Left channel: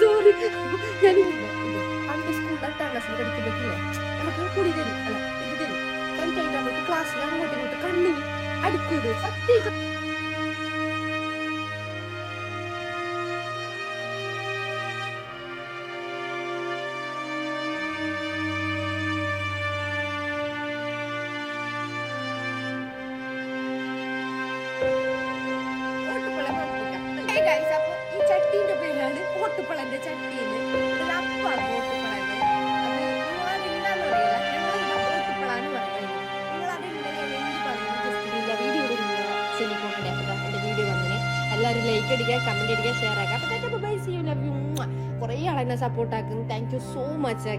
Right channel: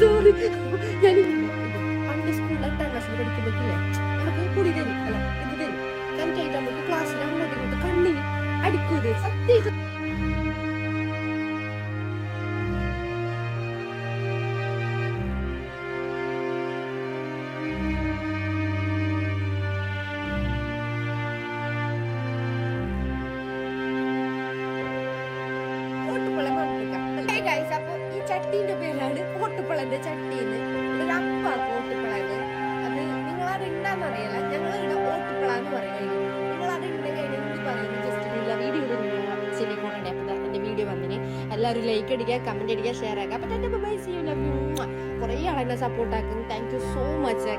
Sorry, ഞാൻ പണ്ട് സ്കൂളിൽ 8ാം ക്ലാസ്സിൽ പഠിക്കുമ്പോഴേ നമുക്ക് പൊടി തരും, അല്ല ഇത് തരും. കഴിഞ്ഞിട്ട് നമുക്ക് ക്ലാസ്സിൽ അങ്ങോട്ട് ഇങ്ങോട്ട് കണ്ണിന് അടിക്കൂട്. സത്യം അപ്പൊ ഈ ചട്ടീന്റെ പേരാണ് ഓട്ടുപ്പളന്റെ ചട്ടീന്ന്. ഒരു അപ്പാണ് ഓട്ടുപ്പളത്. അത് നിങ്ങളതെന്താന്ന് അറിയില്ല, ഞങ്ങളെന്താ ഓട്ടുപ്പളാന്ന് പറയുന്നത്. നിങ്ങളതെന്താ പറയുന്നത് ജസ്റ്റ് വീഡിയോ ചെല്ലിക്കൊണ്ടേ. അപ്പൊ എന്റെ വീഡിയോ വന്നിന് എല്ലാവരും ലൈക്ക് അടിക്കുക, കമന്റ് അടിക്കുക, ഷെയർ ആക്കുക. അപ്പൊ bye, see you, love you. കുറേ ആളെന്നെ സപ്പോർട്ട് ആക്കും. Thank you so much.